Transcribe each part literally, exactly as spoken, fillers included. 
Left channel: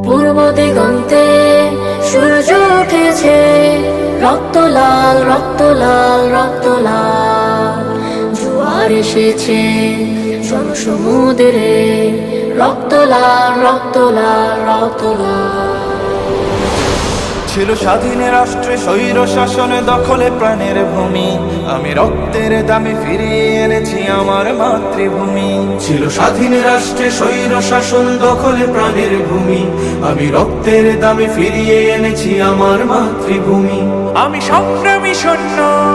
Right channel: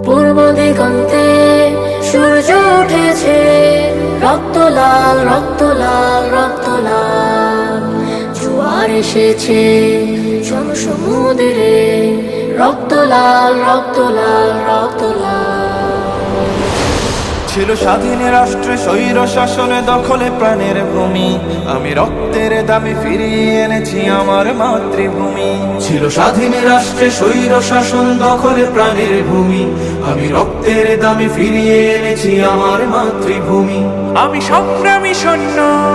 পূর্ব দিগন্তে সূর্য উঠেছে, রক্ত লাল রক্ত লাল রক্ত লাল। জোয়ার এসেছে জনসমুদ্রে, রক্ত লাল রক্ত লাল রক্ত লাল। ছিল স্বাধীন রাষ্ট্রে স্বৈর শাসনে দখলে প্রাণের ভূমি, আমি রক্তের দামে ফিরিয়ে এনেছি আমার মাতৃভূমি। ছিল স্বাধীন রাষ্ট্রে স্বৈর শাসন দখলে প্রাণের ভূমি, আমি রক্তের দামে ফিরিয়ে এনেছি আমার মাতৃভূমি। আমি সংগ্রামী সৈন্য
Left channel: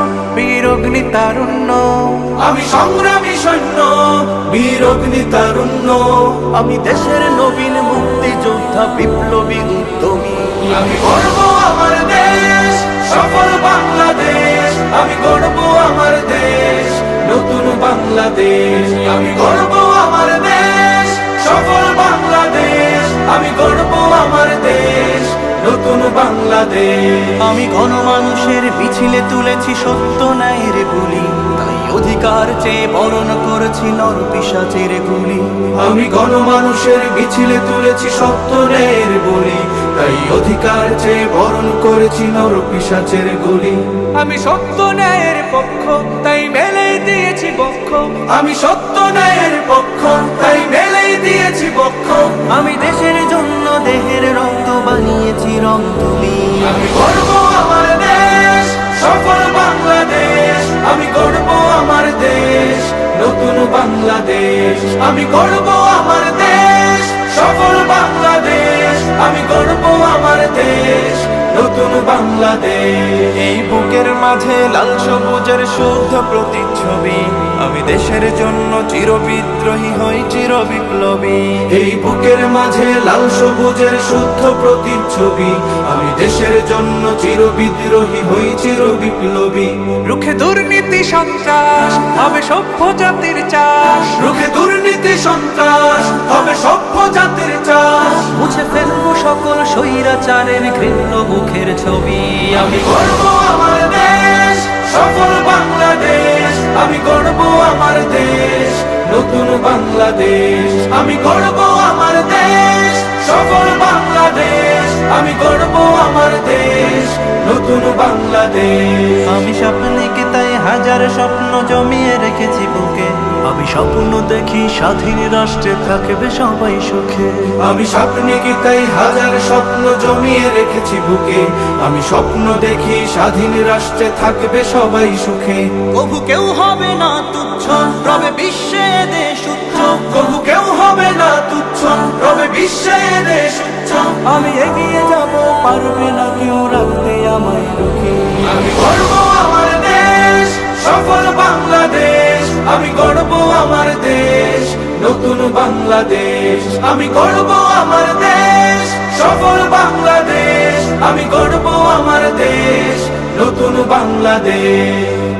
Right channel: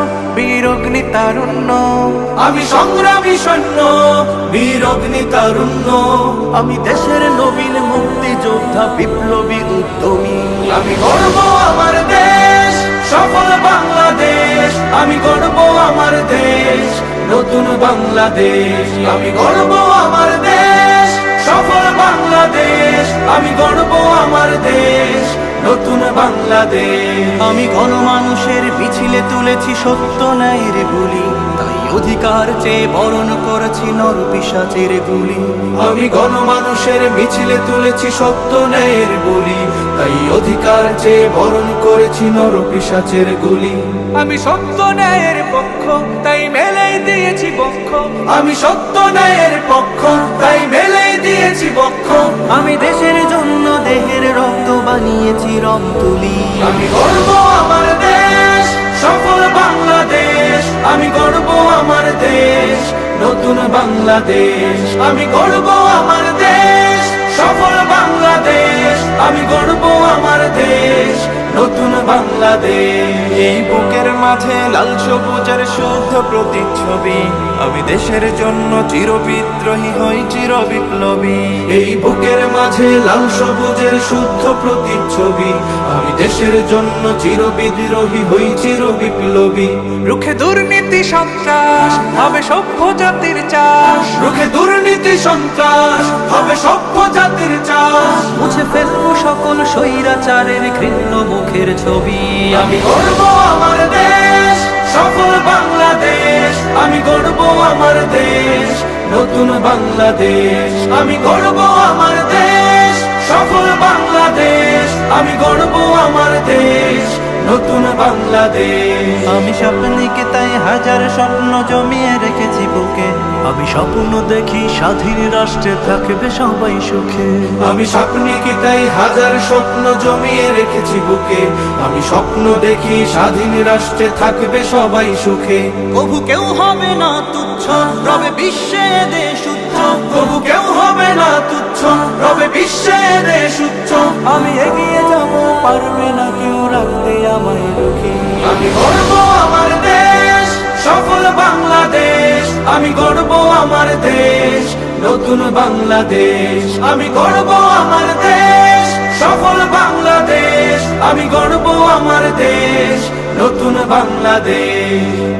বীর অগ্নি তারুণ্য, আমি সংগ্রামী সৈন্য বীর অগ্নি তারুণ্য। আমি দেশের নবীন মুক্তিযোদ্ধা বিপ্লবী উদ্যমী। আমি গর্ব আমার দেশ সফল বাংলাদেশ, আমি গর্ব আমার দেশ নতুন বাংলাদেশ। আমি গর্ব আমার দেশ সফল বাংলাদেশ, আমি গর্ব আমার দেশ নতুন বাংলাদেশ। আমি গণমানুষের মিছিলে তুলেছি সত্য ন্যায়ের বুলি, তাই অধিকার চেয়ে বরণ করেছি নর পিশাচের গুলি। আমি গণমানুষের মিছিলে তুলেছি সত্য ন্যায়ের বলি, তাই অধিকার চেয়ে বরণ করেছি নর পিশাচের গুলি। আমি সত্য ন্যায়ের পক্ষ, তাই মেলেই দিয়েছি বক্ষ। আমি সত্য ন্যায়ের পক্ষ, তাই মেলেই দিয়েছি বক্ষ। আমি দেশের জন্য দেহের রক্ত বানিয়েছি রং তুলি। আমি গর্ব আমার দেশ সফল বাংলাদেশ, আমি গর্ব আমার দেশ নতুন বাংলাদেশ। আমি গর্ব আমার দেশ সফল বাংলাদেশ, আমি গর্ব আমার দেশ নতুন বাংলাদেশ। এই বুকের মাঝে লাল সবুজের শুদ্ধ প্রতিচ্ছবি, আমি দেশের জন্য চির বিদ্রোহী হই চির বিপ্লবী। এই বুকের মাঝে লাল সবুজের শুদ্ধ প্রতিচ্ছবি, আমি দেশের জন্য চির বিদ্রোহী হই চির বিপ্লবী। রুখে দুর্নীতি সন্ত্রাস হবে সভ্য জাতির চাষ, রুখে দুর্নীতি সন্ত্রাস হবে সভ্য জাতির চাষ। মুছে ফেলবো সকল স্বৈরাচারের ঘৃণ্য মুখের ছবি। আমি গর্ব আমার দেশ সফল বাংলাদেশ, আমি গর্ব আমার দেশ নতুন বাংলাদেশ। আমি গর্ব আমার দেশ সফল বাংলাদেশ, আমি গর্ব আমার দেশ নতুন বাংলাদেশ। আমি স্বপ্নকে তাই হাজার স্বপ্ন জমিয়ে রেখেছি বুকে, আমি স্বপ্ন দেখি স্বাধীন রাষ্ট্রে থাকবে সবাই সুখে। আমি স্বপ্নে কি তাই হাজার স্বপ্ন জমিয়ে রেখেছি বুকে, আমি স্বপ্ন দেখি স্বাধীন রাষ্ট্রে থাকবে সবাই সুখে। কভু কেউ হবে না তুচ্ছ, রবে বিশ্বে দেশ উচ্চ। তবু কেউ হবে না তুচ্ছ, রবে বিশ্বে দেশ উচ্চ। আমি এগিয়ে যাব, পারবে না কেউ রাখতে আমায় রুখে। আমি গর্ব আমার দেশ সফল বাংলাদেশ, আমি গর্ব আমার দেশ নতুন বাংলাদেশ। আমি গর্ব আমার দেশ সফল বাংলাদেশ, আমি গর্ব আমার দেশ নতুন বাংলাদেশ।